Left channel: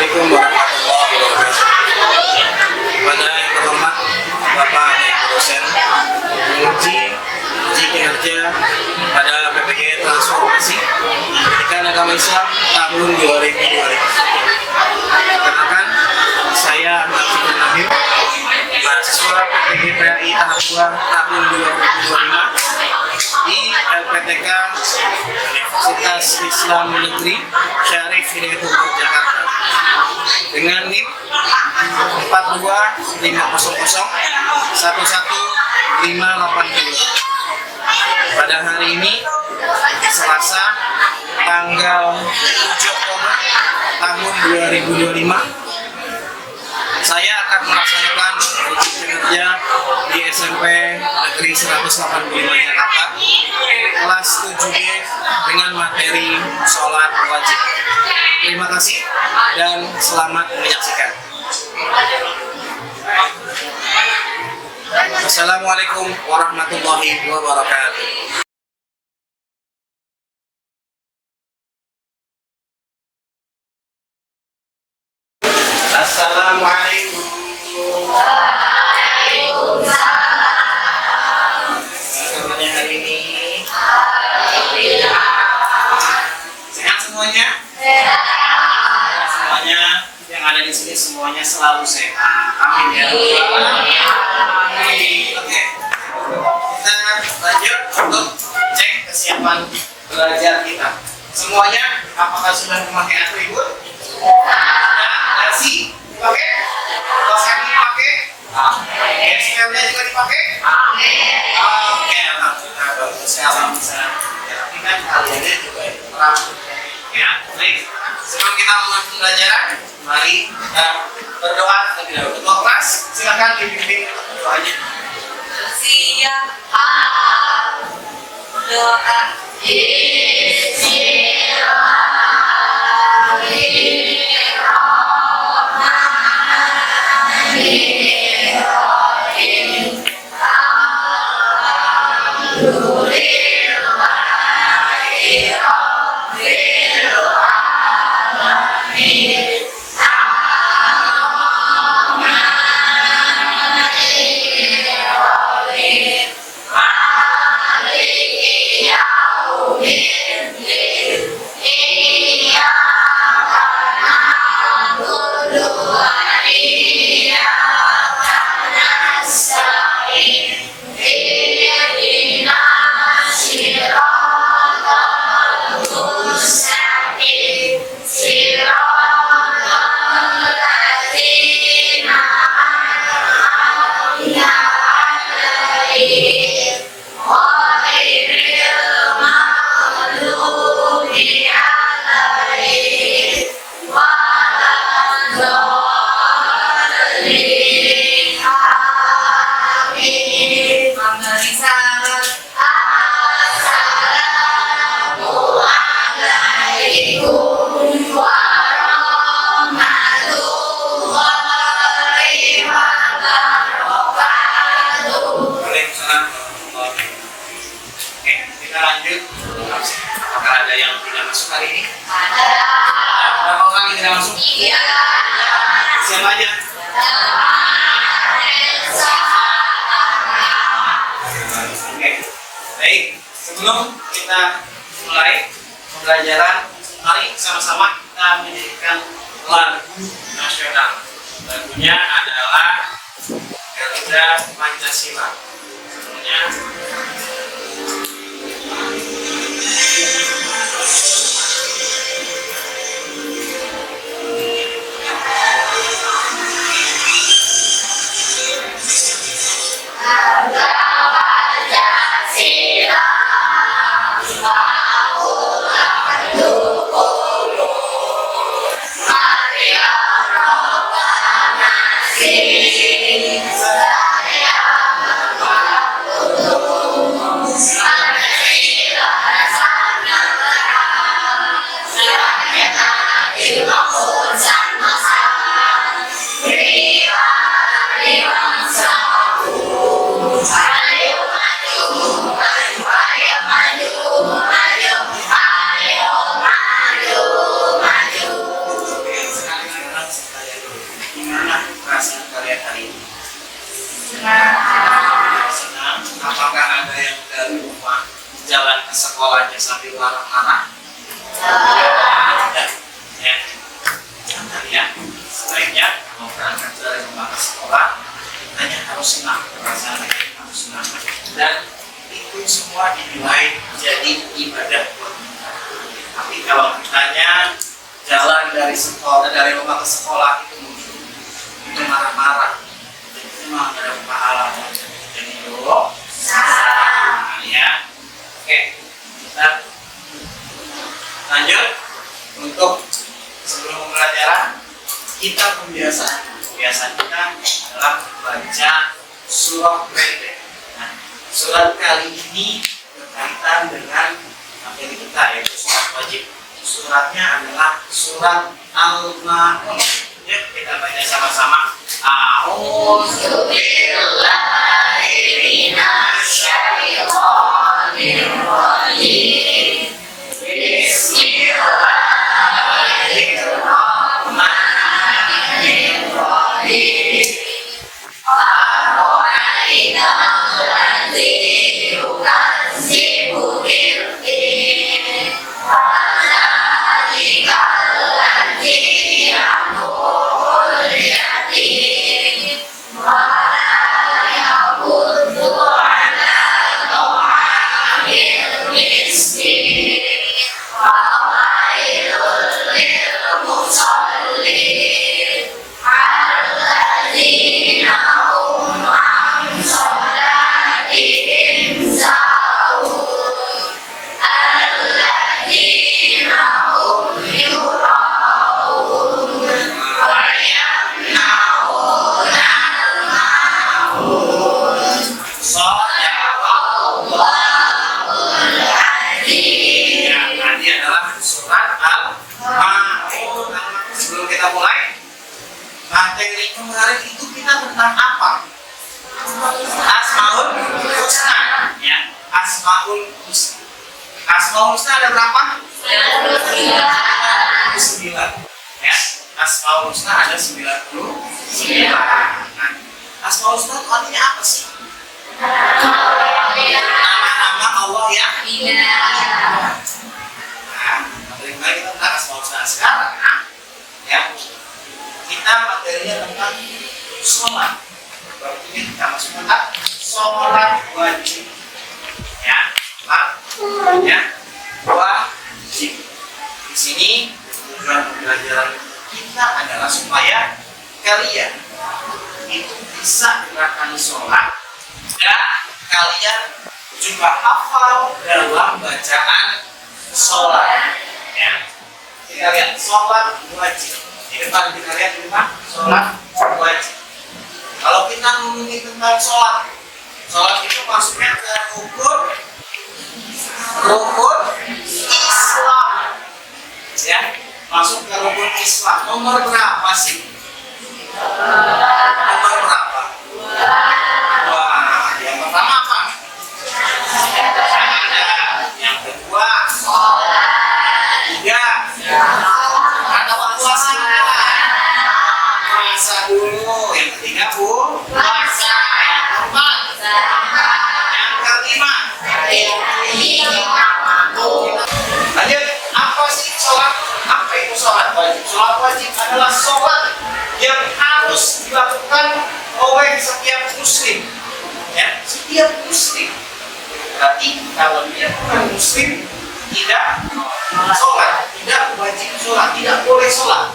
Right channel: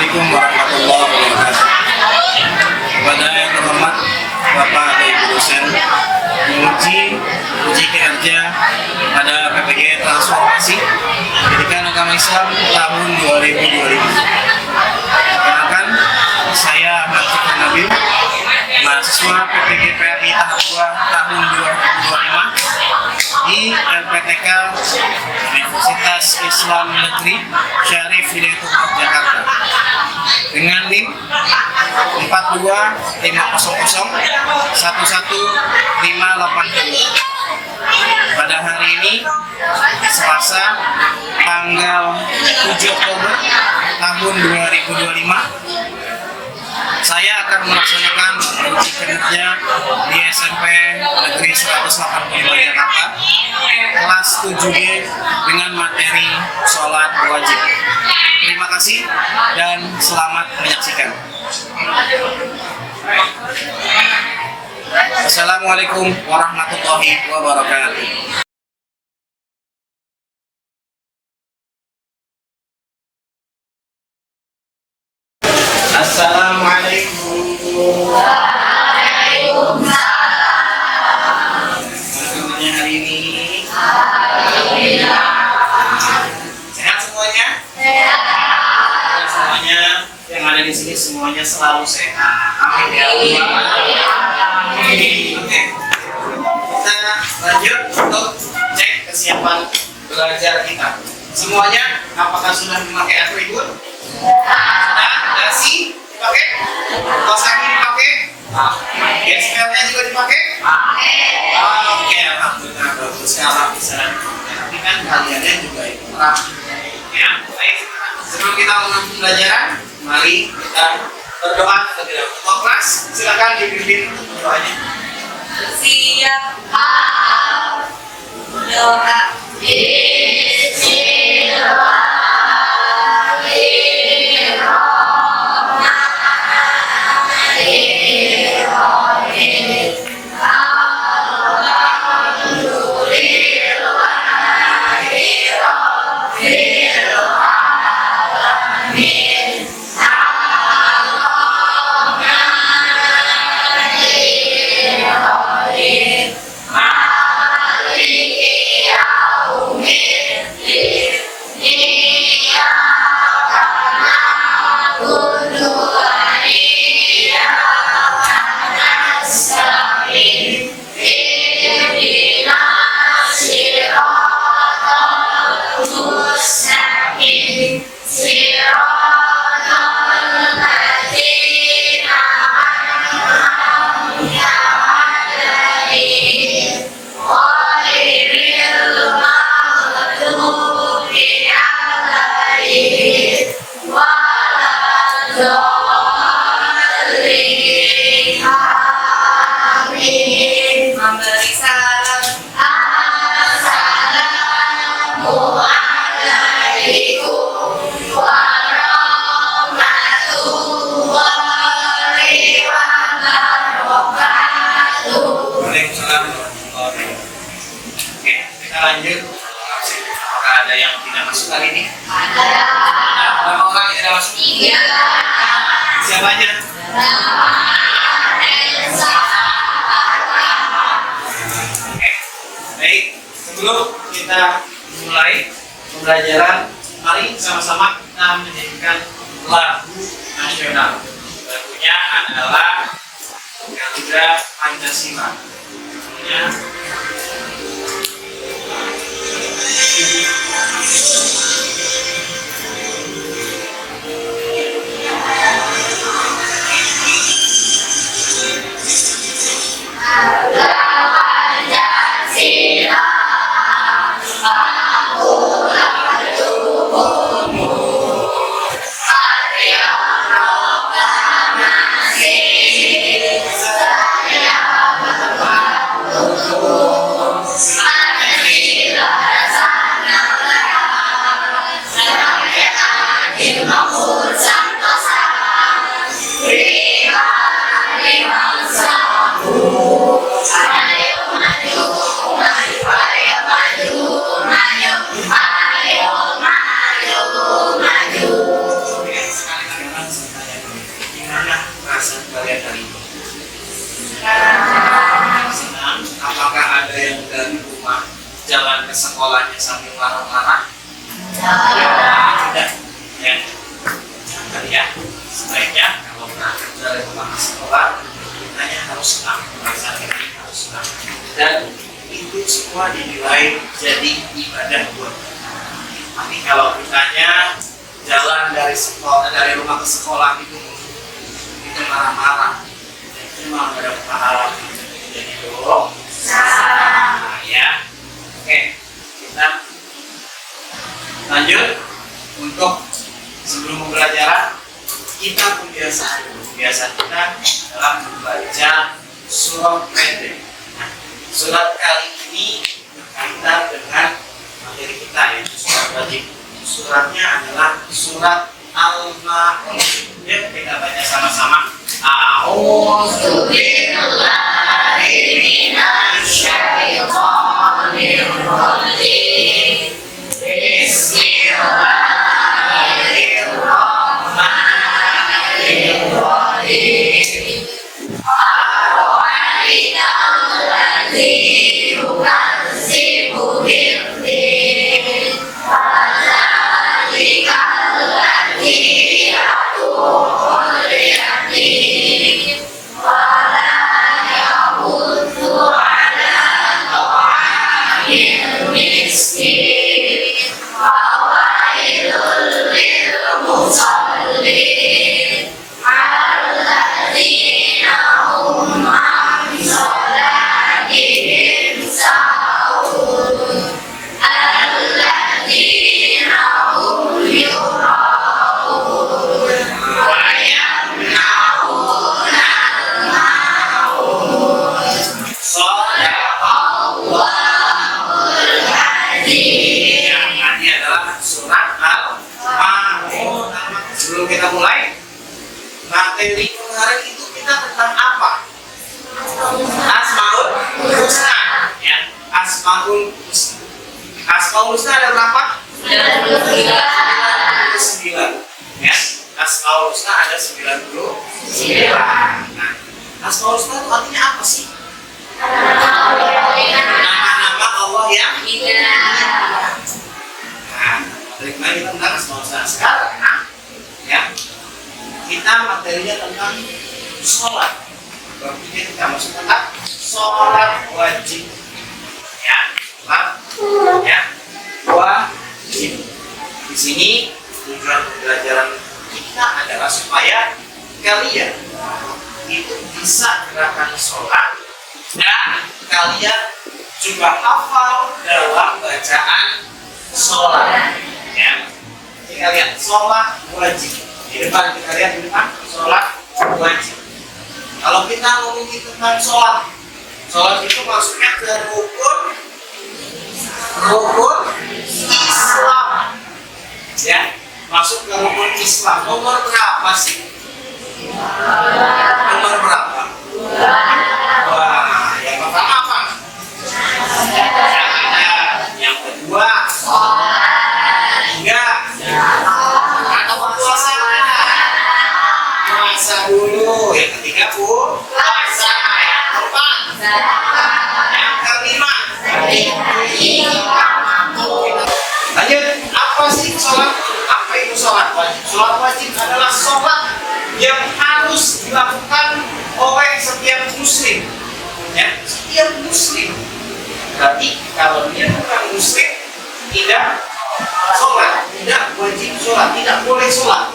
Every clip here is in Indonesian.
Assalamualaikum warahmatullahi wabarakatuh. Kepada yang terhormat Bapak atau Ibu dosen, uji kinerja pada PPG Transformasi Pendidikan Agama Islam tahun 2025. Perkenalkan, saya Ahmad Fikri Nabil, mahasiswa PPG PAI tahap 2 tahun 2025 di LPTK Universitas Islam Negeri Syarif Hidayatullah Jakarta dengan NIM 42500111580. Pada hari ini Selasa tanggal 7 Oktober tahun 2025, saya akan melaksanakan uji kinerja di SMP Negeri 185 Jakarta kelas 7B dengan materi sholat wajib. Terima kasih dan selamat menyaksikan. Assalamualaikum warahmatullahi wabarakatuh. Assalamualaikum. Waalaikumsalam. Bagaimana hari ini? Alhamdulillah. Sehat semuanya? Sehat. Semuanya yang ada di sini semuanya selalu sehat. Amin ya Allah. Amin. Oke. Kita lanjut untuk cek kesiapan belajar kita. Semuanya apakah sudah memakai atribut? Dasi dipakai? Kaos kaki dipakai? SPL-nya juga dipakai? Oke, alhamdulillah bagus. Kalau bisa tapi kan kaliannya juga itu ya, baik. Sebelum kita mulai pembelajaran, mari kita berdoa terlebih dahulu. Ketua kelas, silakan dipimpin doanya. Siap, doa. Lanjut, apakah ada yang tidak masuk kali ini? Ada. Berapa orang yang tidak masuk? 3. Siapa aja? Oke, baik. Sebelum kita mulai pembelajaran, mari sama-sama kita menyanyikan lagu nasional. Lagunya adalah Garuda Pancasila. Lagunya jalan ke sekolahnya sambil marah-marah? Tidak. Ya. Jangan ya. Sebaiknya kalau berangkat dari rumah ke sekolah, kitanya harus senang, perasaan harus senang. Dan itu semua dinilai jadi ibadah buat kita. Tapi kalau kitanya jalan dari sekolah, dari rumah ke sekolah itu marah-marah, itu malah gak ada pahala, jadi dulu. Ya, oke, kita lanjut untuk sebelum pembelajaran kita kebiasaan kita adalah membaca surat pendek. Nah, surat kali ini berkaitan dengan materi kita yaitu surat wajib. Suratnya adalah surat Al-Ma'un. Yuk kita baca sama-sama. A'udzu billahi minasy syaithanir rajim. Bismillahirrahmanirrahim. Ar-Rahmanir Rahim. Yukadzibu bil-din. Kita mulai materi kemarin itu kita tentang apa? Asmaul Husna, ya. Asmaul Husna. Asmaul Husna ada berapa? 99. Ya. Asmaul Husna ada 99. Nah, Asmaul Husna itu artinya apa sih? Nama-nama Allah yang indah. Nah, materi kemarin kita tentang Asmaul Husna. Sekarang ya, kita materinya tentang sholat. Berarti kita masuk tentang sholat wajib. Ya, sholat ya, wajib. Di sini tujuan pembelajaran kita adalah supaya kalian itu bisa gerakan sholat dan kalian juga hafal dalam bacaan sholat. Ya. Kita lihat sholat wajib. Di depan kita lihat di depan sholat wajib. Kalau kita ngomongin tentang sholat, sholat itu masuknya ke rukun Islam. Ya, masuk ke rukun Islam. Nomor berapa sih? Nomor berapa? Wah, yang pertama apa? Syahadat. Yang kedua tiga atau puasa. Puasa dulu. Yang ketiga puasa. Yang keempat yang kelima lanjut. Apa sih sholat? Apa itu sholat wajib? Sholat wajib adalah sholat yang harus dilakukan oleh setiap muslim. Ya, setiap muslim. Berarti kalau dia bukan muslim tidak sholat, tidak wajib sholat, tidak boleh sholat.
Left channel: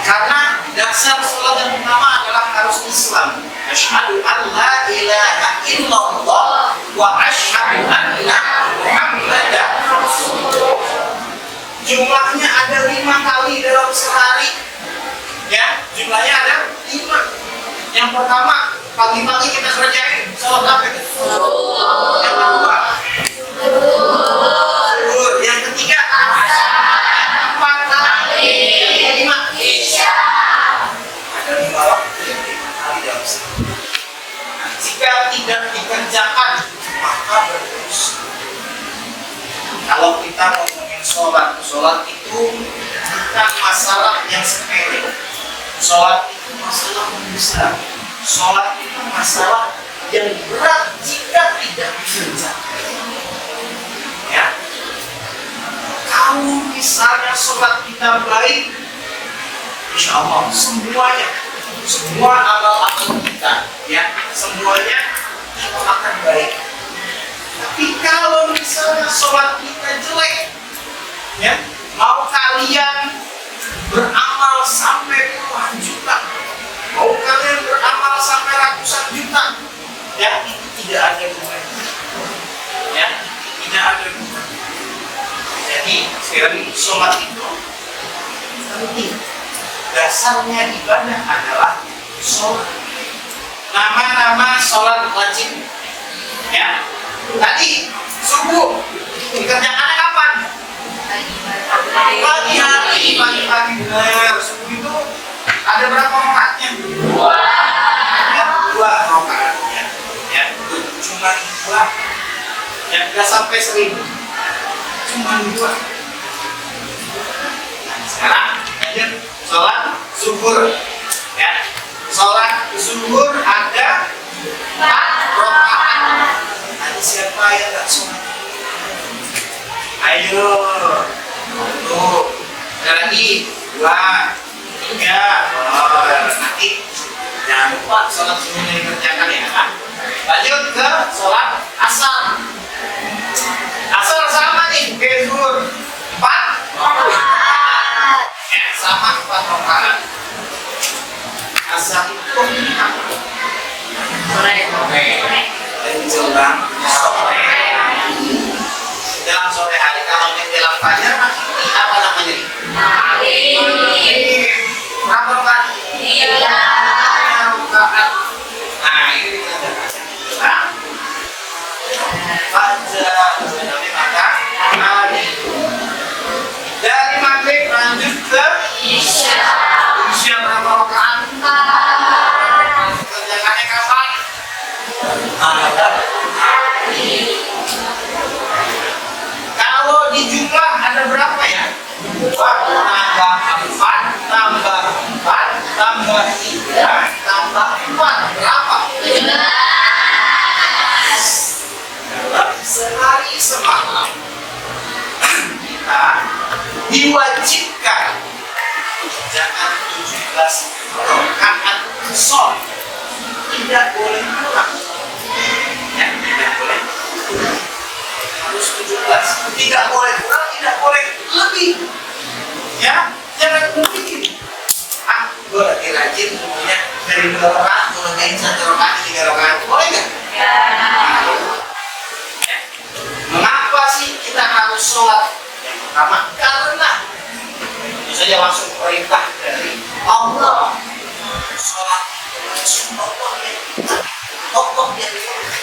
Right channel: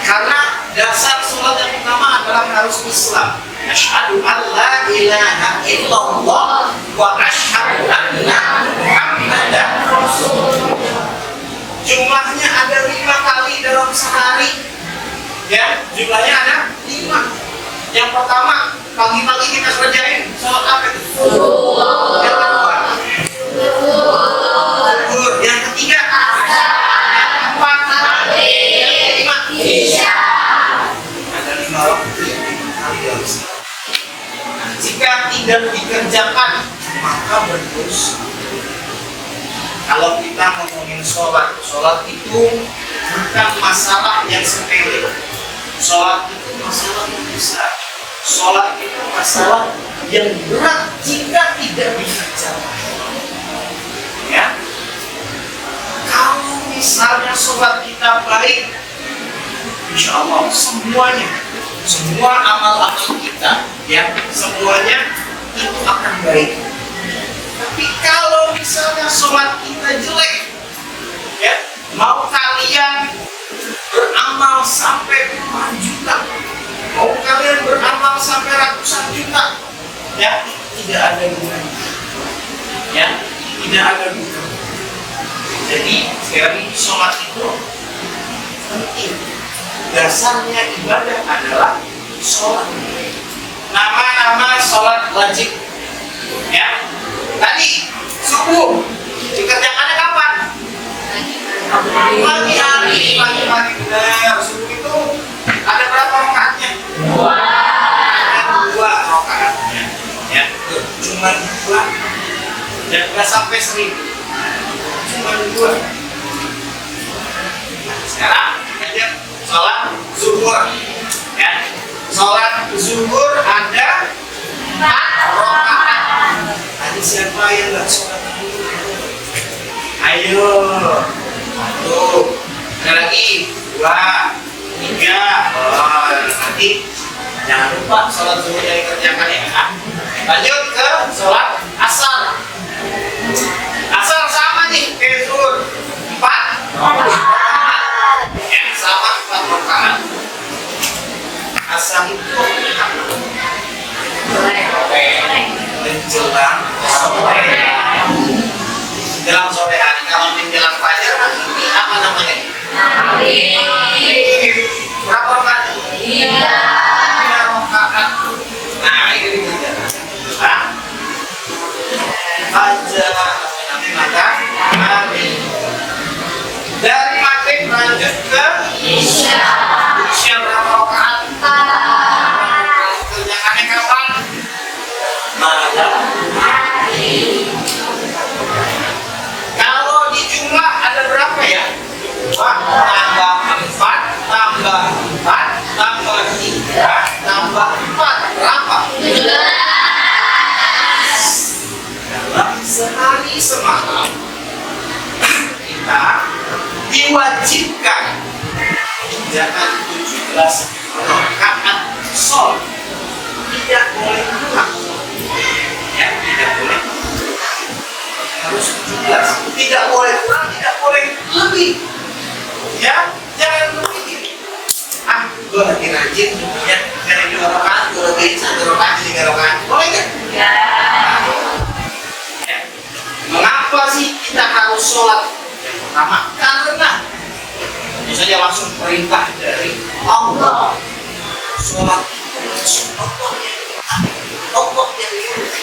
Karena dasar sholat yang pertama adalah harus Islam. Asyhadu an la ilaha illallah wa asyhadu anna Muhammadan Rasulullah. Jumlahnya ada 5 kali dalam sehari. Ya, jumlahnya ada 5. Yang pertama, pagi-pagi kita kerjain sholat apa itu? Yang kedua, zuhur. Yang ketiga, yang keempat, yang kelima, isya. Ada 5 waktu yang 5 kali dalam sehari. Nah, jika tidak dikerjakan, maka berdosa. Kalau kita ngomongin sholat, sholat itu bukan masalah yang sepele. Sholat itu masalah yang besar. Sholat itu masalah yang berat jika tidak dikerjakan. misalnya sholat kita baik, insya Allah semuanya, semua amal-amal kita, ya, semuanya itu akan baik. Tapi kalau misalnya sholat kita jelek, ya, mau kalian beramal sampai puluhan juta, mau kalian beramal sampai ratusan juta, ya, tidak ada gunanya, ya, tidak ada gunanya. Jadi sekali lagi sholat itu penting. Dasarnya ibadah adalah sholat. Nama-nama sholat wajib, ya. Tadi subuh dikerjakannya kapan? Pagi hari, pagi benar. Subuh itu ada berapa rakaatnya? Ada 2 rakaatnya, ya. Cuma 2, dan nggak sampai 1000. Cuma 2. Nah, sekarang lanjut sholat zuhur, ya. Sholat zuhur ada 4 rakaat. Ada siapa yang nggak sholat? Ayo, 1, ada lagi 2, 3. Oh, nanti jangan lupa sholat zuhurnya dikerjakan, ya. Lanjut ke sholat asar. Asar sama nih kayak zuhur, 4 rakaat. Ya, sama 4 rakaat. Asar itu waktunya kapan? Sore. Menjelang sore. Menjelang sore hari. Kalau menjelang fajar ini apa namanya? Berapa rakaat? 3 rakaat. Nah, ini dikerjakan. Nah, fajar namanya maka maghrib. Dari maghrib lanjut ke isya. Isya berapa rakaat? 4. Kerjakannya kapan? Malam hari. Kalau di jumlah ada berapa ya? 2 tambah 4 tambah 4 tambah 3 tambah 4 berapa? 11. Dalam sehari semalam kita diwajibkan jangan 17 rakaat sholat, tidak boleh kurang, ya, tidak boleh kurang, harus 17, tidak boleh kurang, tidak boleh lebih, ya. Jangan berpikir gue lagi rajin semuanya dari 2 rakaat gue lebihin 1 rakaat 3 rakaat, boleh nggak? Ya. Mengapa sih kita harus sholat? Yang pertama, karena ini saja langsung perintah dari Allah. Sholat itu Allah yang nyuruh.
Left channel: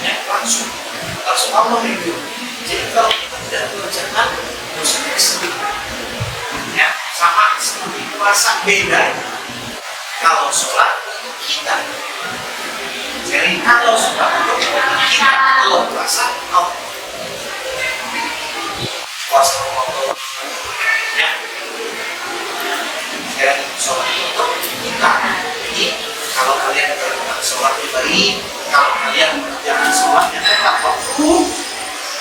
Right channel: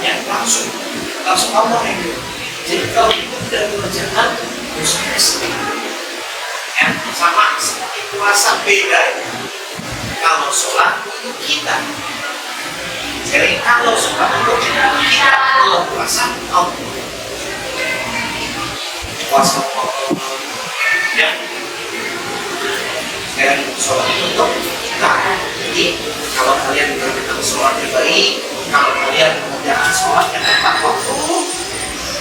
Ya, langsung Allah yang nyuruh. Jadi kalau kita tidak mengerjakan, dosanya sedikit. Ya, sama seperti puasa beda. Kalau sholat untuk kita, jadi kalau sholat untuk kita, kalau puasa Allah. Puasa Allah, ya. Sekarang sholat untuk kita. Jadi kalau kalian berbuat sholat baik, kalau kalian mengerjakan sholat yang tepat waktu,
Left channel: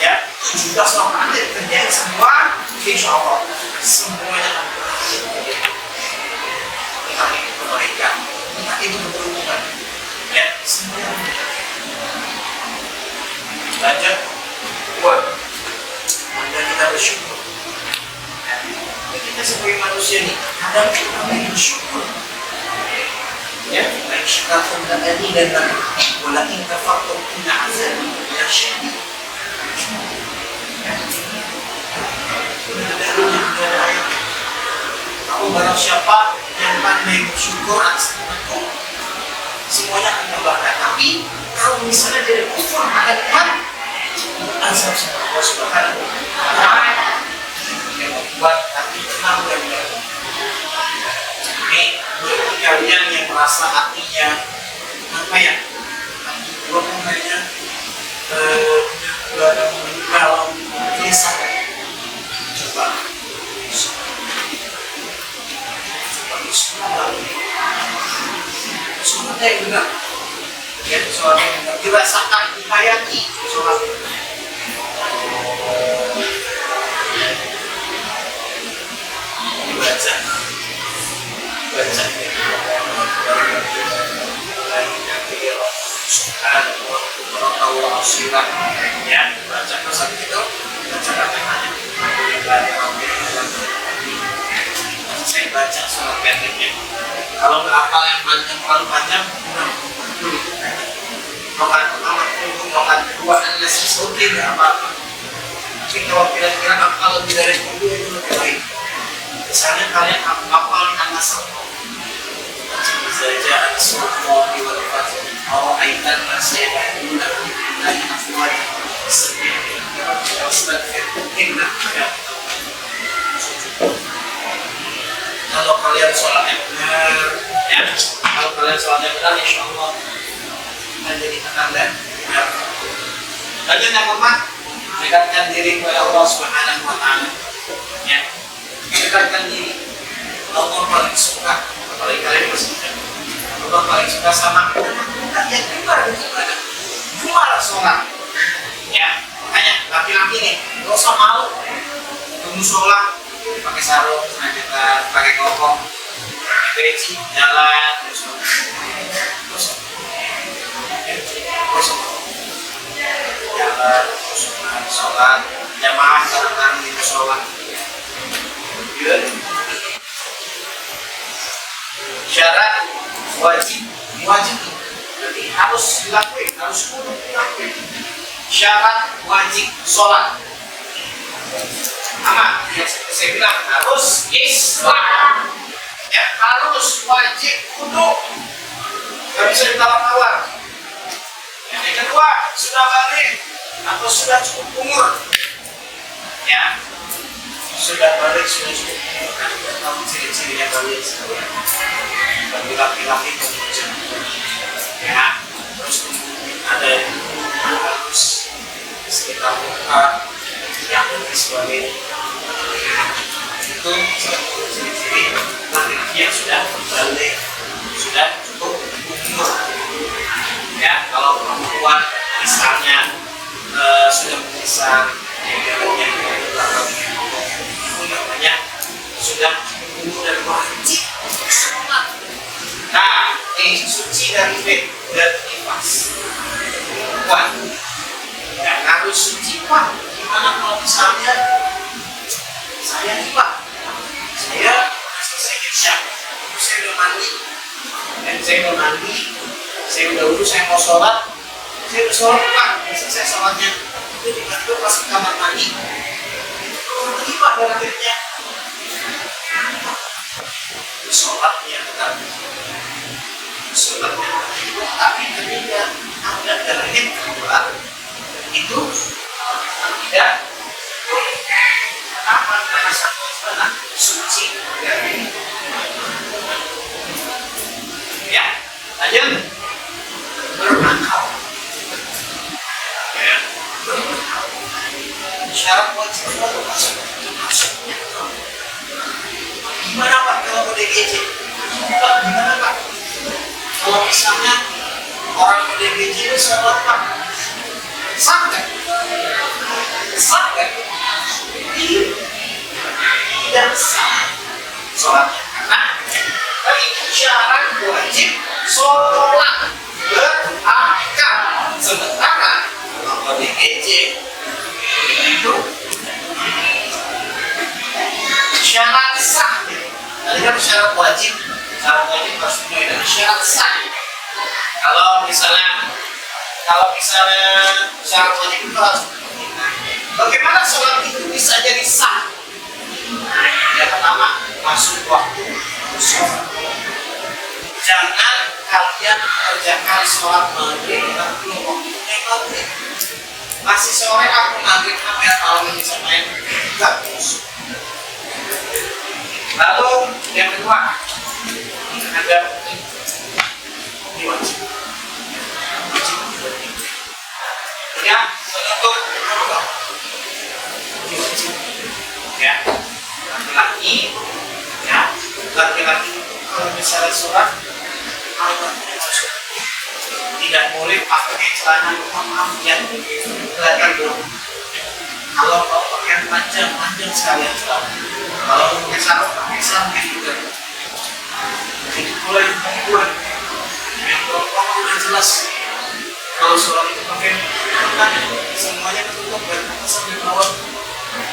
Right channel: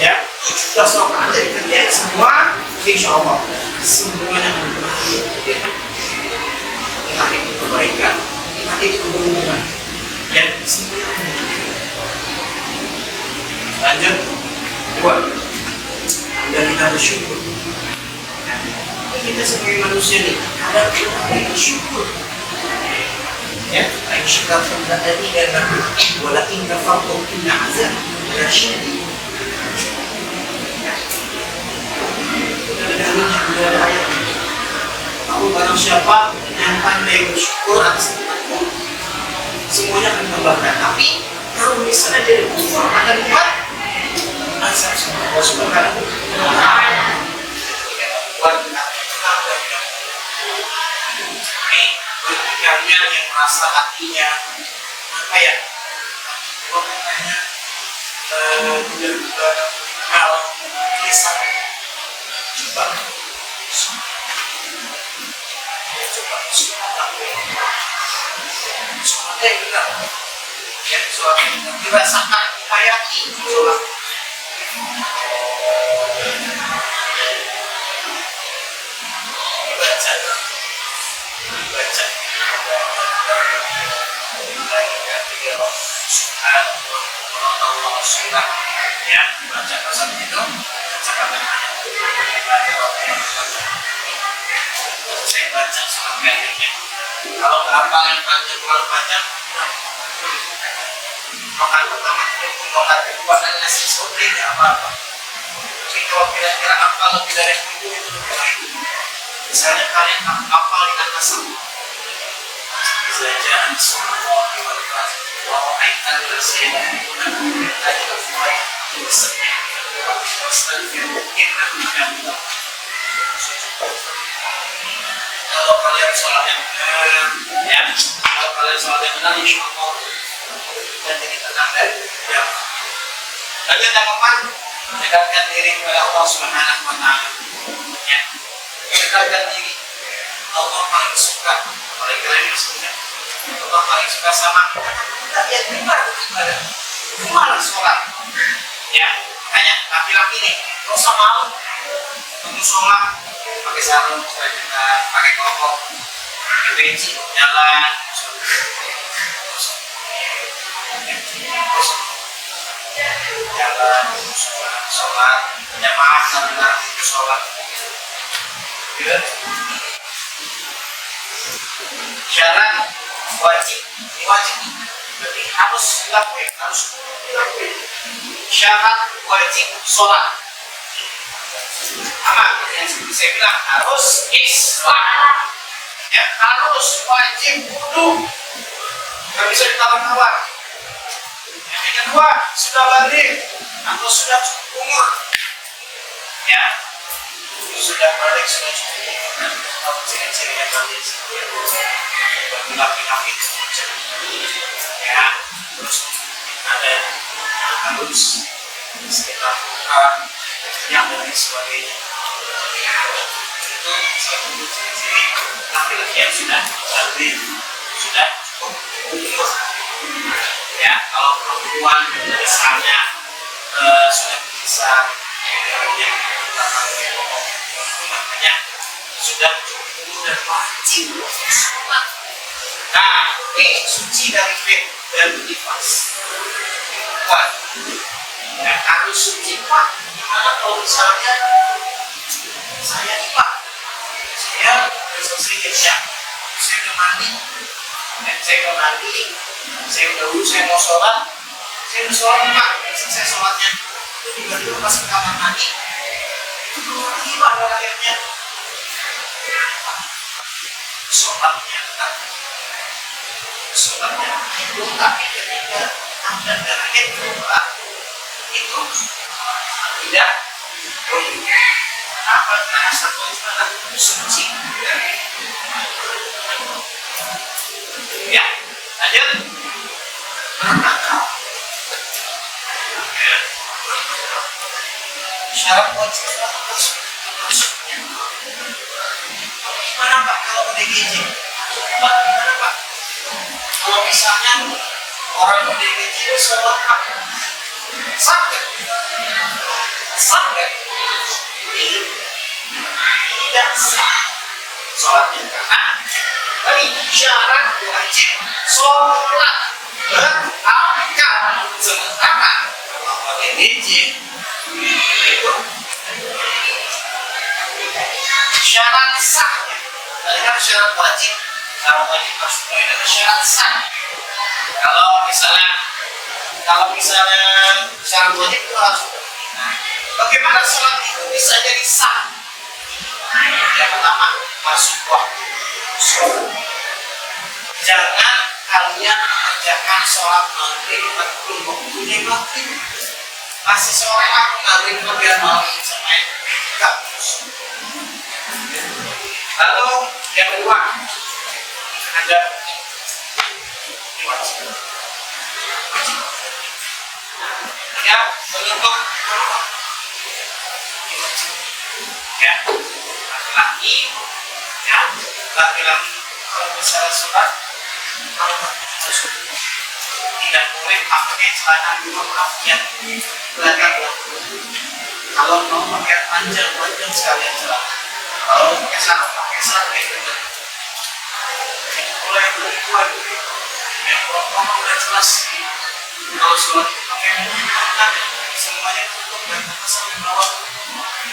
ya, 17 rakaat dikerjain semua, insya Allah semuanya akan berakhir. Entah itu kebaikan, entah itu keberuntungan, ya, semuanya akan berakhir. Lanjut, buat anda kita bersyukur. Kita sebagai manusia nih, ada kita bersyukur. Ya, baik syukur tadi dan lalu, walakin kafartum inna azab lasyadid. Sudah ada dalilnya, sudah ada ayat. Kalau barang siapa yang pandai bersyukur atas nikmatku, semuanya akan tambahkan. Tapi kalau misalnya dia kufur akan nikmat, azab sama Allah Subhanahu wa ta'ala. Yang membuat hati tenang dan nyaman. Ini bagi kalian yang merasa hatinya apa ya? Hati gua kan hanya benar-benar kalau gelisah. Coba sholatnya yang benar, ya, sholat yang benar dirasakan, dihayati sholat. apa yang panjang terlalu panjang. Rokaat pertama itu, rokaat kedua alias sauti nggak apa-apa. Tapi kalau kira-kira apa lebih dari itu lebih baik. Misalnya kalian hafal an-nasr, saja an-surah diwakaf, bahwa aitan nasihat guna dari afwaj seperti kalau kalian sholatnya benar, ya, kalau kalian sholatnya benar, insya Allah kita jadi tenang dan tidak. Kalian yang lemah, dekatkan diri kepada Allah Subhanahu Wa Taala. Ya, dekatkan diri. Allah paling suka, apalagi kalian bersuka. Allah paling suka sama kita yang dengar ibadah, gimana sholat? Ya, makanya laki-laki nih, nggak usah malu, tunggu sholat, pakai sarung, kita pakai kelompok, pakai peci, jalan, jalan, sholat, jamaah bareng-bareng di sholat. Syarat wajib, jadi harus dilakuin, harus kudu dilakuin. Syarat wajib sholat. Sama yang seperti saya bilang, harus Islam, ya, harus wajib kudu, nggak bisa ditawar-tawar. Yang kedua, sudah balik atau sudah cukup umur, ya, sudah balik, sudah cukup umur, dan tahu ciri-cirinya balik. Bagi laki-laki itu, ya, terus ada yang halus di sekitar muka, yang dan sebagainya. Itu salah satu ciri-ciri laki-laki yang sudah balik, sudah cukup umur. Ya, kalau perempuan misalnya sudah besar, yang belakang itu namanya sudah cukup umur dan wajib sholat. Nah, suci dari bed dan nifas. Kuat, ya, harus suci kuat. Gimana kalau misalnya saya nih Pak, saya selesai irsyad, saya udah mandi, dan saya udah mandi, saya udah wudhu, saya mau sholat, saya udah sholat Pak, selesai sholatnya, itu tiba-tiba pas ke kamar mandi, itu keluar lagi Pak darah airnya. Kenapa? Sholatnya tetap, sholatnya itu, tapi ketika ada darah air keluar, itu tidak boleh. Apa? Karena satu adalah suci dari ya, lanjut berakal. Ya, berakal. Syarat wajib maksudnya gimana Pak kalau ODGJ? Pak, gimana Pak? Kalau misalnya orang ODGJ itu sholat Pak, sah nggak? Sah nggak? Tidak sah sholatnya, karena tadi syarat wajib sholat berakal. Sementara kalau ODGJ itu syarat sahnya, tadi kan syarat wajib harus dipenuhi, dan syarat sah. Kalau misalnya syarat wajib itu harus dipenuhi. Bagaimana sholat itu bisa jadi sah? Yang pertama, masuk waktu sholat. Jangan kalian kerjakan sholat maghrib belum waktunya maghrib. Masih sore aku maghrib, biar malam bisa main. Enggak masuk. Lalu yang kedua, ada ini wajib. Ya, menutup aurat. Ini wajib. Ya, laki-laki, ya, laki-laki kalau misalnya sholat, auratnya tutup. Tidak boleh pakai celana, maaf ya, kelihatan dong. Kalau mau pakai panjang sekalian celana. Kalau pakai sarung juga. Jadi mulai perempuan, yang perempuan udah jelas. Kalau sholat itu pakai tangan, semuanya tertutup dan atas sampai bawah.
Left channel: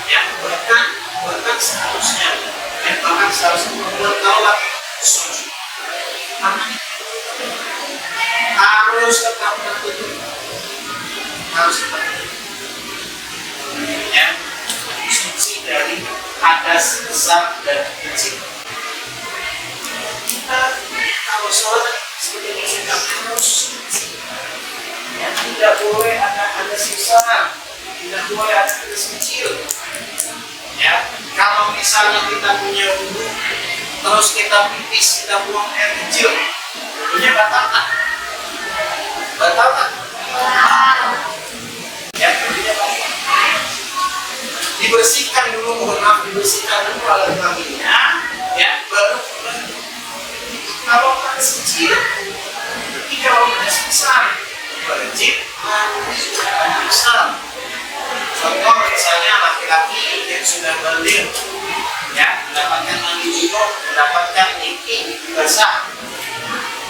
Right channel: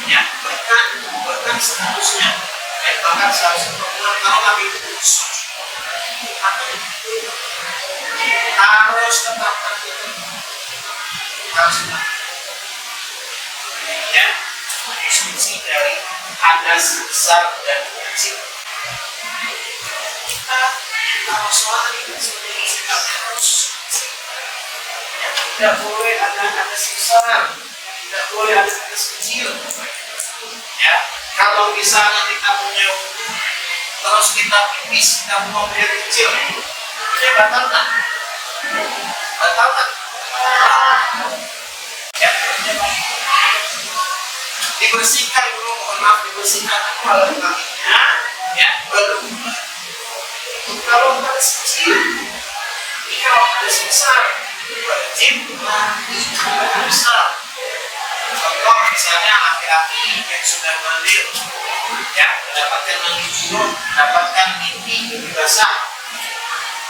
Ya, bahkan seharusnya tangan seharusnya perempuan kalau lagi sujud. Apa nih? Harus tetap tertutup. Harus tetap. Ya, suci dari hadas besar dan kecil. Kita kalau sholat sebagai sikap harus suci. Ya, tidak boleh ada hadas besar, tidak boleh ada hadas kecil. Ya, kalau misalnya kita punya wudhu, terus kita pipis, kita buang air kecil, wudhunya batal tak? Batal tak? Ya, wudhunya batal. Dibersihkan dulu, mohon maaf, dibersihkan dulu alat kelaminnya, ya, baru mulai. Kalau hadas kecil, tapi kalau hadas besar, wajib mandi hadas besar. Contoh misalnya laki-laki yang sudah balik, ya, mendapatkan mandi junub, mendapatkan mimpi basah,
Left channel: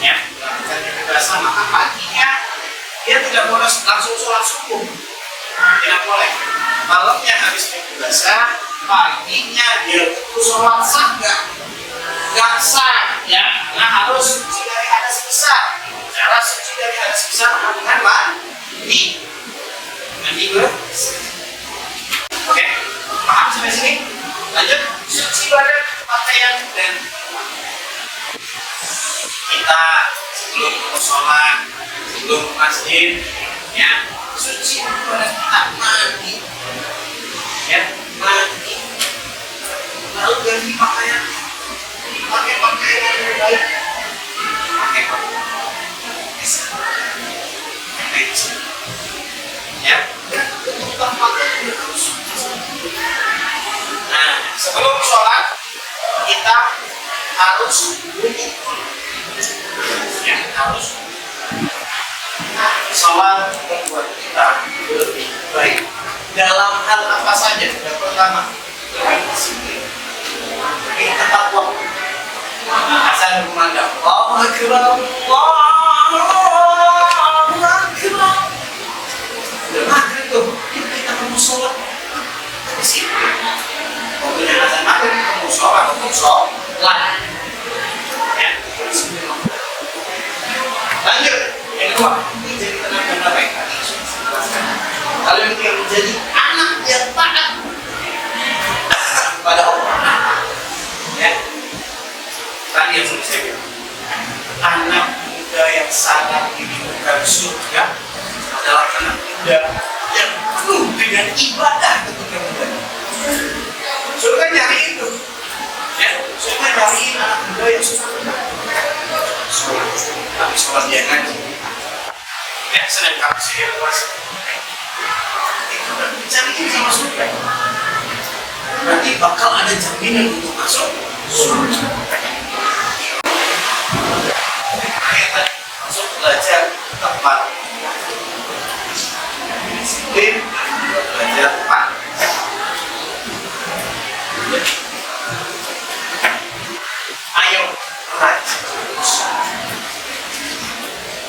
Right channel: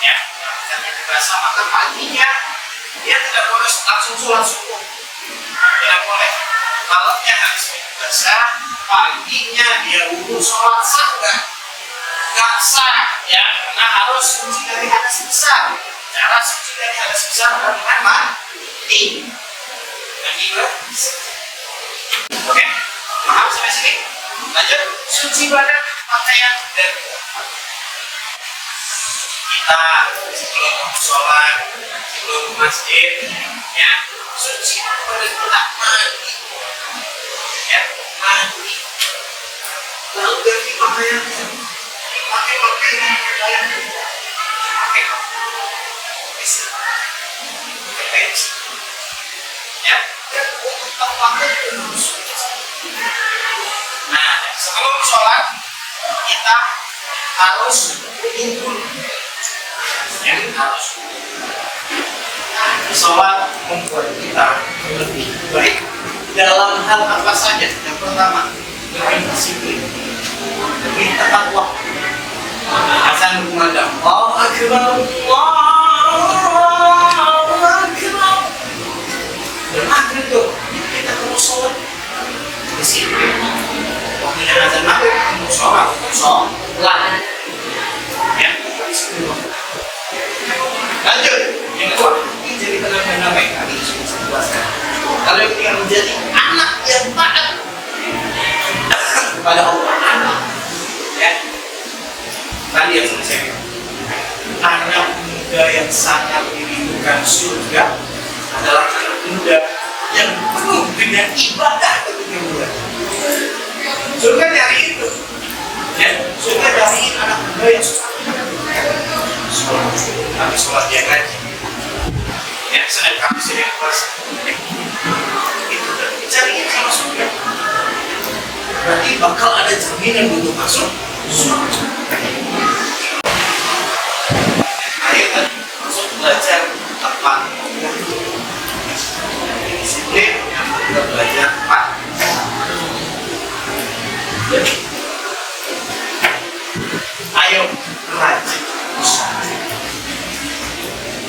ya, mendapatkan mimpi basah, maka paginya dia tidak boleh langsung sholat subuh, tidak boleh. Malamnya habis mimpi basah, paginya dia wudhu sholat sah nggak sah, ya, karena harus suci dari hadas besar. Cara suci dari hadas besar dengan mandi bersih. Oke, paham sampai sini? Lanjut, suci badan, pakaian dan kita sebelum mau sholat, sebelum ke masjid, ya, suci badan kita mandi, ya, mandi. Lalu ganti pakaian, pakai pakaian yang terbaik, pakai bisa, pakai baju, ya, dan untuk tempatnya juga harus. Nah, sebelum sholat kita harus wudhu dulu. Ya, harus. Sholat membuat kita lebih baik dalam hal apa saja. Yang pertama, lebih disiplin, lebih tepat waktu. Azan berkumandang, Allahu Akbar, Allahu Akbar. Udah maghrib tuh, kita mau sholat. Disiplin. Waktu yang azan maghrib kamu sholat untuk sholat, ya, disiplin. Lanjut, yang kedua, menjadi benar-benar baik. Tadi sudah saya jelaskan. Kalau yang ketiga, menjadi anak yang taat kepada Allah. Ya, tadi yang sudah saya bilang, anak muda yang sangat dirindukan surga adalah anak muda yang penuh dengan ibadah ketika muda. Surga nyariin tuh, ya, surga nyariin anak muda yang suka sholat, tapi sholat dia ngaji, ya, Senin Kamis dia puasa, itu udah dicariin sama surga. Berarti bakal ada jaminan untuk masuk surga. Ayo kan masuk belajar tepat, disiplin, juga belajar tepat. Ayo rajin usaha.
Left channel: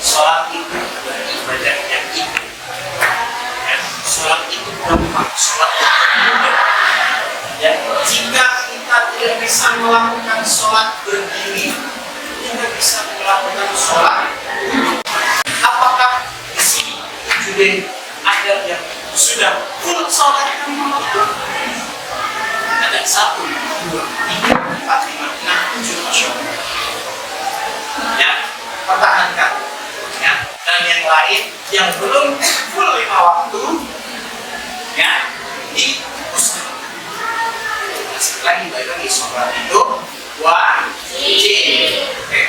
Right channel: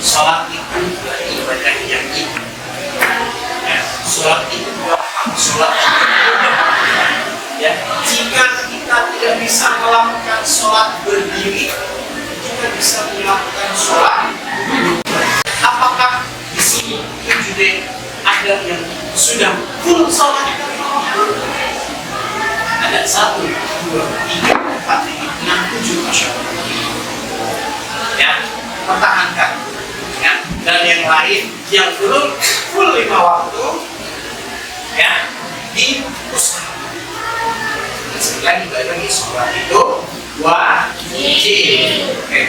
Sholat itu adalah ibadah yang indah. Ya, sholat itu gampang, sholat itu mudah. Ya, jika kita tidak bisa melakukan sholat berdiri, kita bisa melakukan sholat duduk. Apakah di sini juga ada yang sudah full sholat? Ada 1, 2, 3, 4, 5, 6, 7, Masya Allah. Ya, pertahankan. Ya, dan yang lain yang belum full 5 waktu, ya, diusahakan. Sekali lagi balik lagi, sholat itu wajib. Oke.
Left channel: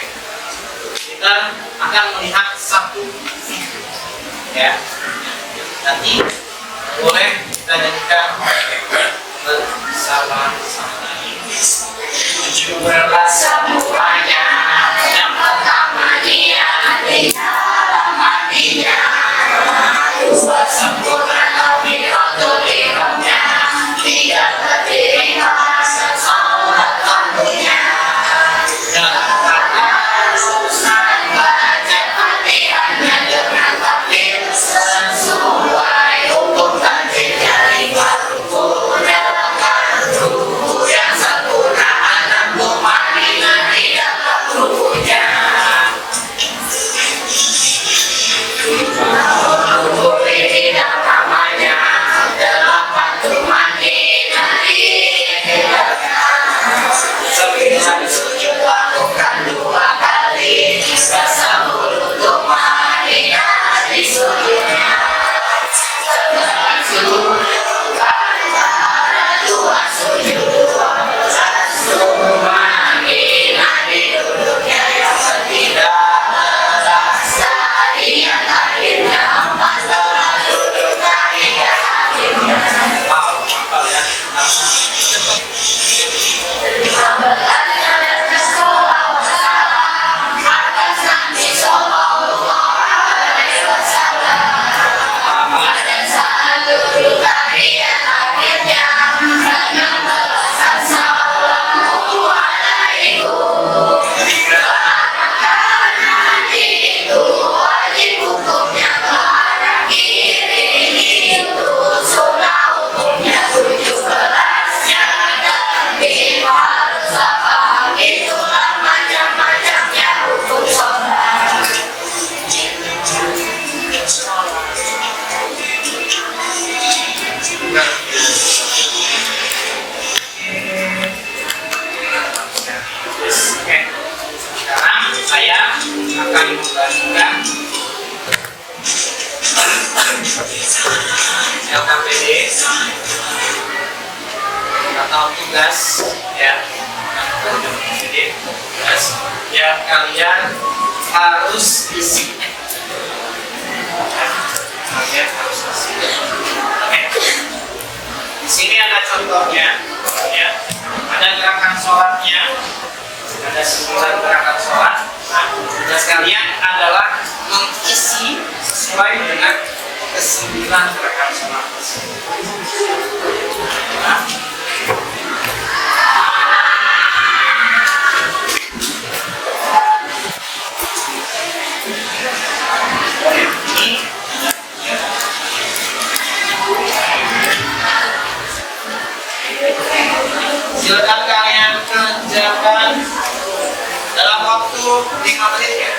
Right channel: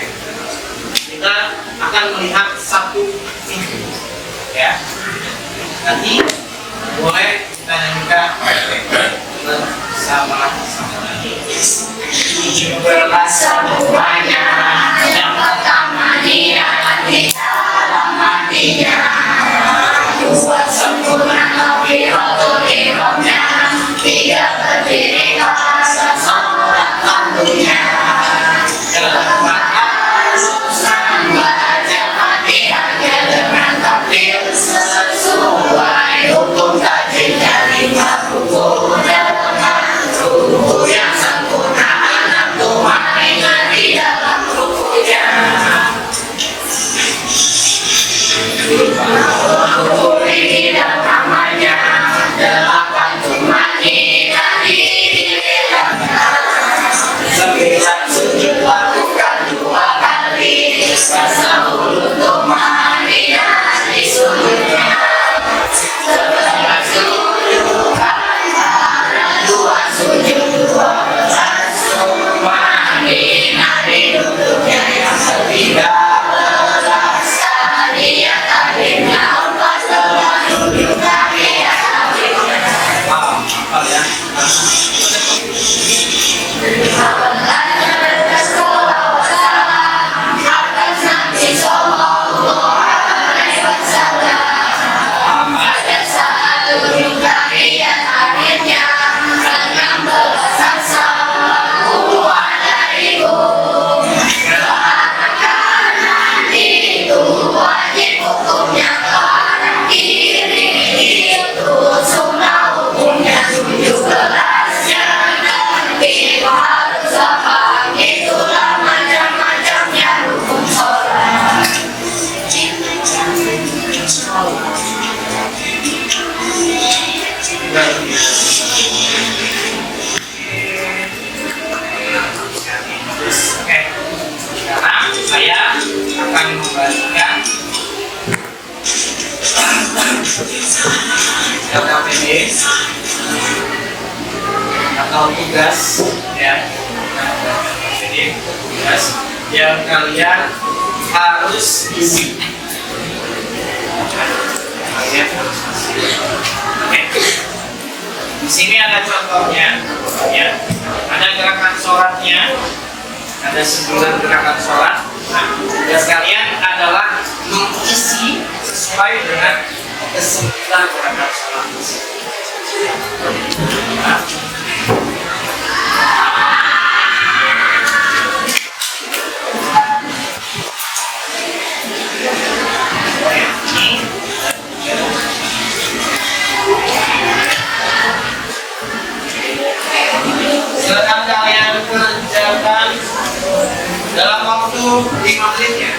Kita akan melihat satu video, ya. Nanti boleh kita nyanyikan bersama-sama. 17 semuanya, yang pertama dia di dalam hatinya, dua sempurna kafiratul ihramnya, tiga terdiri atas sholat lampunya, keempat urusan baca fatihahnya dengan takbir sesuai hukum tajwid dari baru. Oke, sekarang saya akan membagikan LKPD atau tugas ya, LKPD tugas yang kalian harus isi. Kalian harus isi. Oke. Di sini ada contohnya, ya. Ada gerakan sholatnya, ada 9 gerakan sholat. Nah, tugas kalian adalah mengisi sesuai dengan ke-9 gerakan sholat tersebut. Nah, silakan kalian kerjakan dalam waktu 5 menit ya.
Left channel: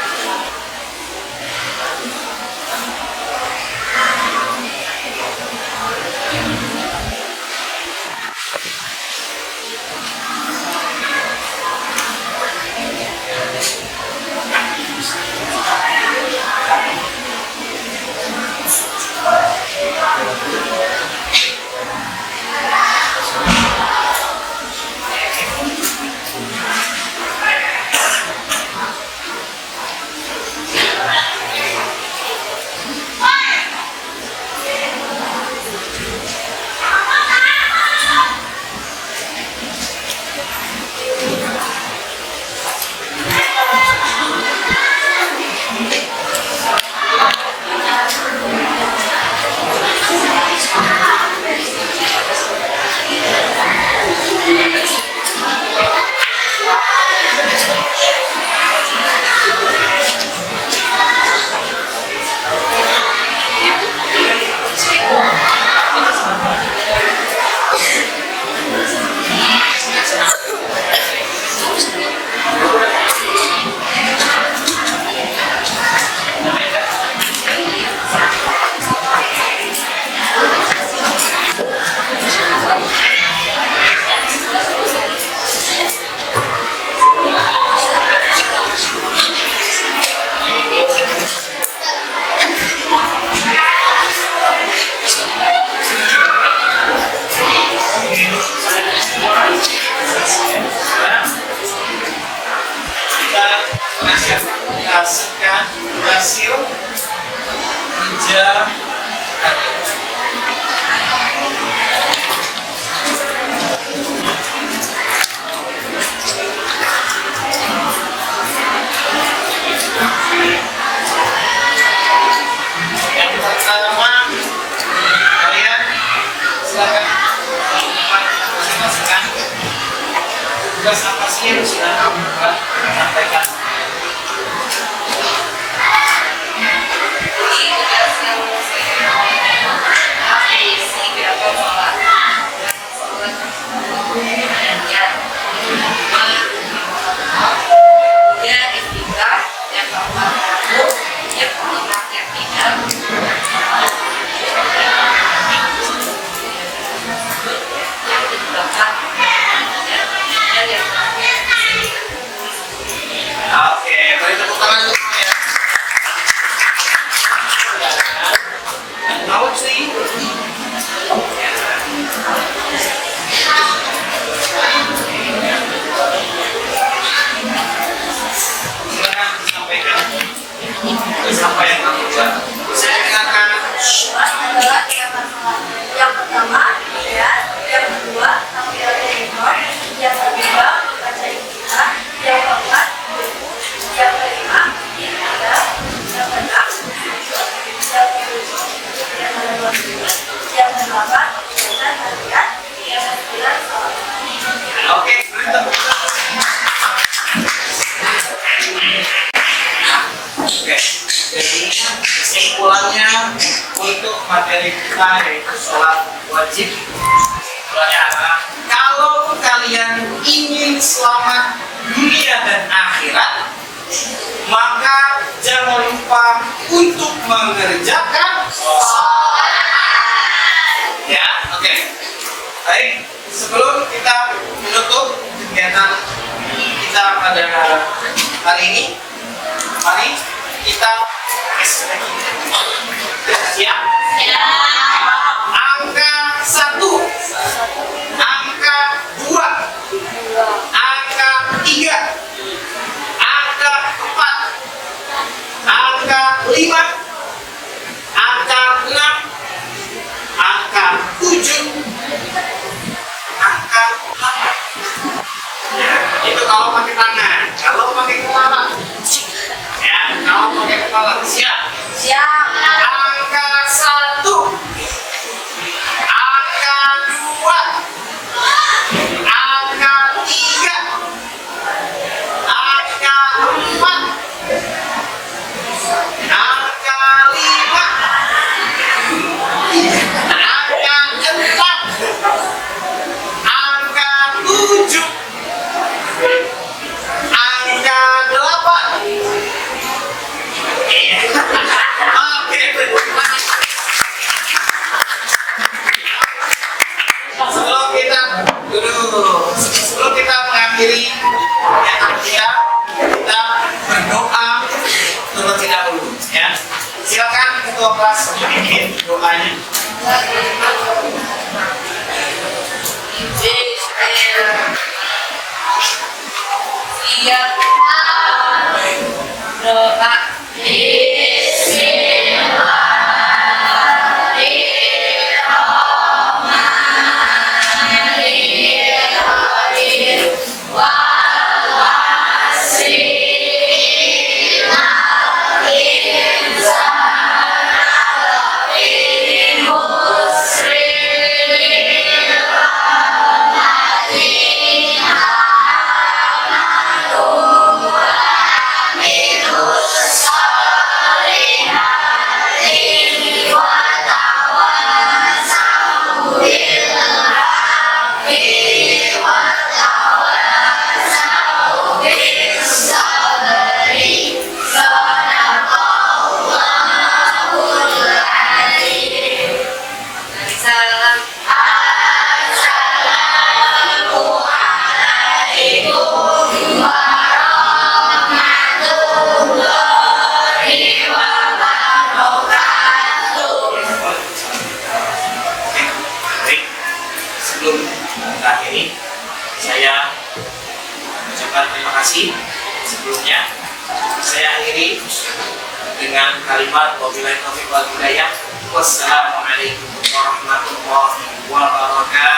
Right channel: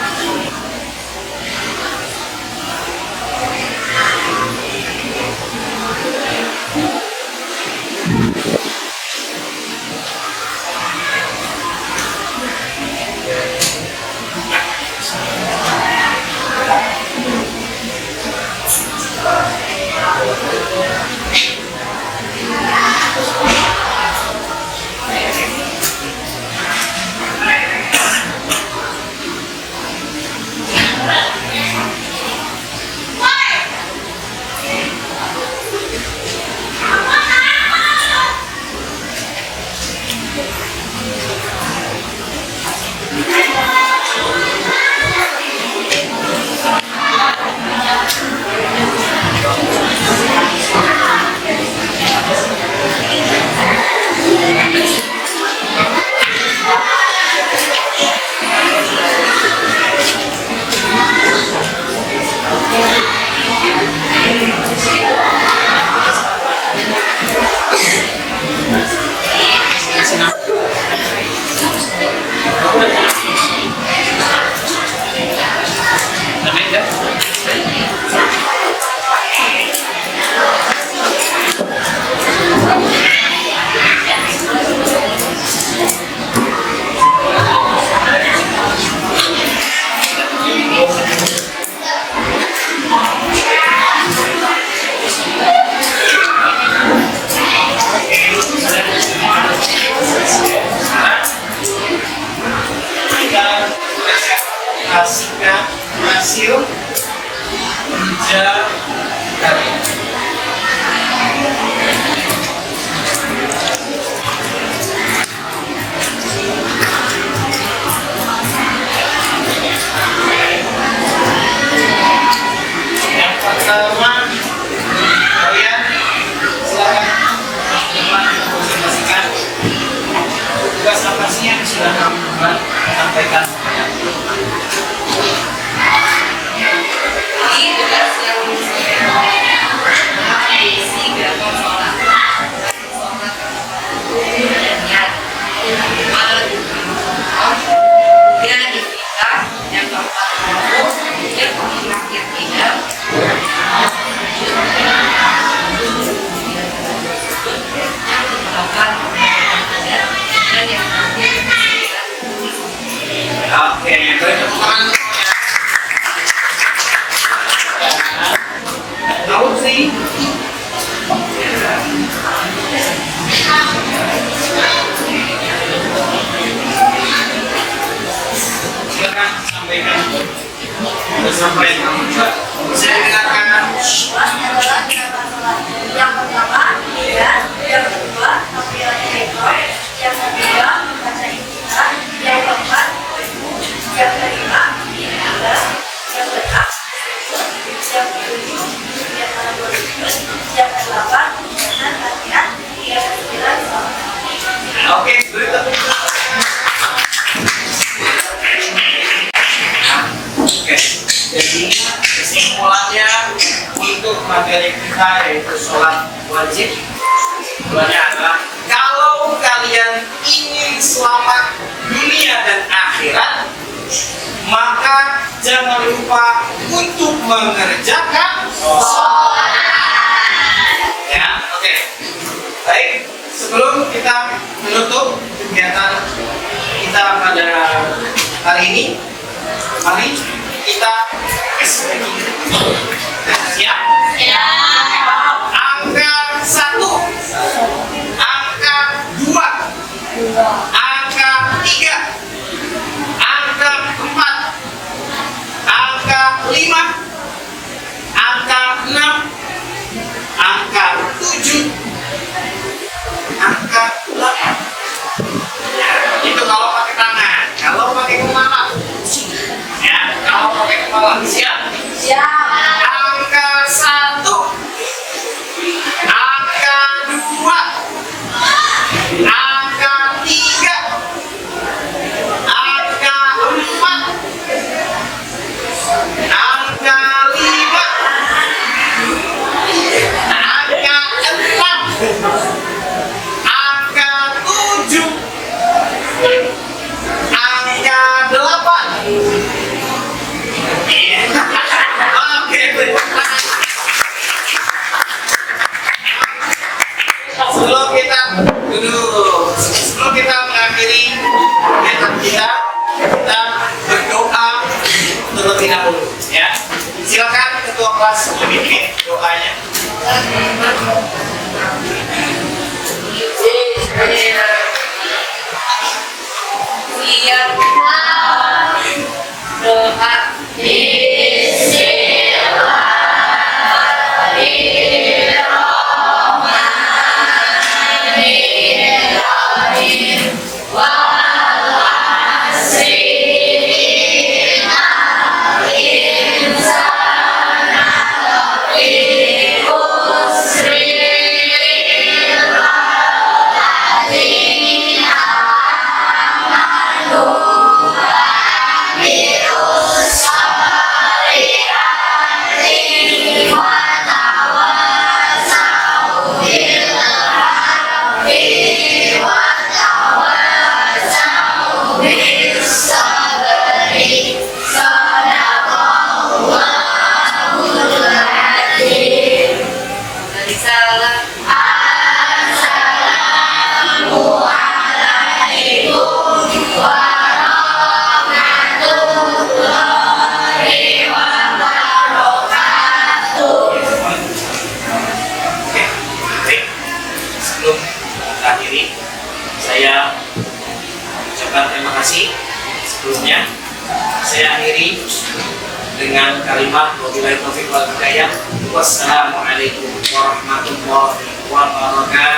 Presentasikan hasil kerja kalian. Yang pertama, kalian silakan presentasikan tugas apa sih yang sudah kamu buat, sampaikan. Ini tugas yang saya isi gerakan sholat. Sholat dan niat. Kemudian itikaf, yang keempat wudhu, yang kelima keyakinan, yang kedelapan dan yang terakhir Oke, beri tepuk tangan dulu ya. Tahu sih? Silakan sampaikan apa yang kamu buat. Saya dengarkan. Adalah gerakan sholat. Yang pertama, niat. Yang kedua, takbiratul ihram. Yang ketiga, membaca iftitah. Yang keempat, wudhu. Yang kelima, itikaf. Yang keenam, sujud. Yang ketujuh, yang kedua sujud. Yang kedelapan, pembahasan latihan. Yang kesembilan, sholat. Oke, beri tepuk tangan. Oke, jadi kesimpulannya untuk materi kita yaitu sholat wajib, kesimpulannya adalah kalau kalian ingin selamat dunia dan akhirat, maka jangan lupa untuk mengerjakan sholat. Ya, oke. sebelum kita menutup kegiatan kita pada hari ini, mari kita tes lagi. Siap? Angka 1, angka 2, angka 3, angka 4, angka 5, angka 6, angka 7, angka 8. Ya, itu kalau pakai tangan. Kalau pakai kepala, ya, kalau pakai kepala, siap? Angka 1, angka 2, angka 3, angka 4, angka 5, angka 6, angka 7, angka 8. Oke, sebelum kita mengakhiri kegiatan kita berdoa terlebih dahulu, ya. Silakan ketua kelas memimpin doanya. Siap. Doa. Sebelum kita akhiri, saya mengucapkan terima kasih sebelumnya. Saya akhiri dengan kalimat wabillahi taufiq wal hidayah. Wassalamualaikum warahmatullahi wabarakatuh.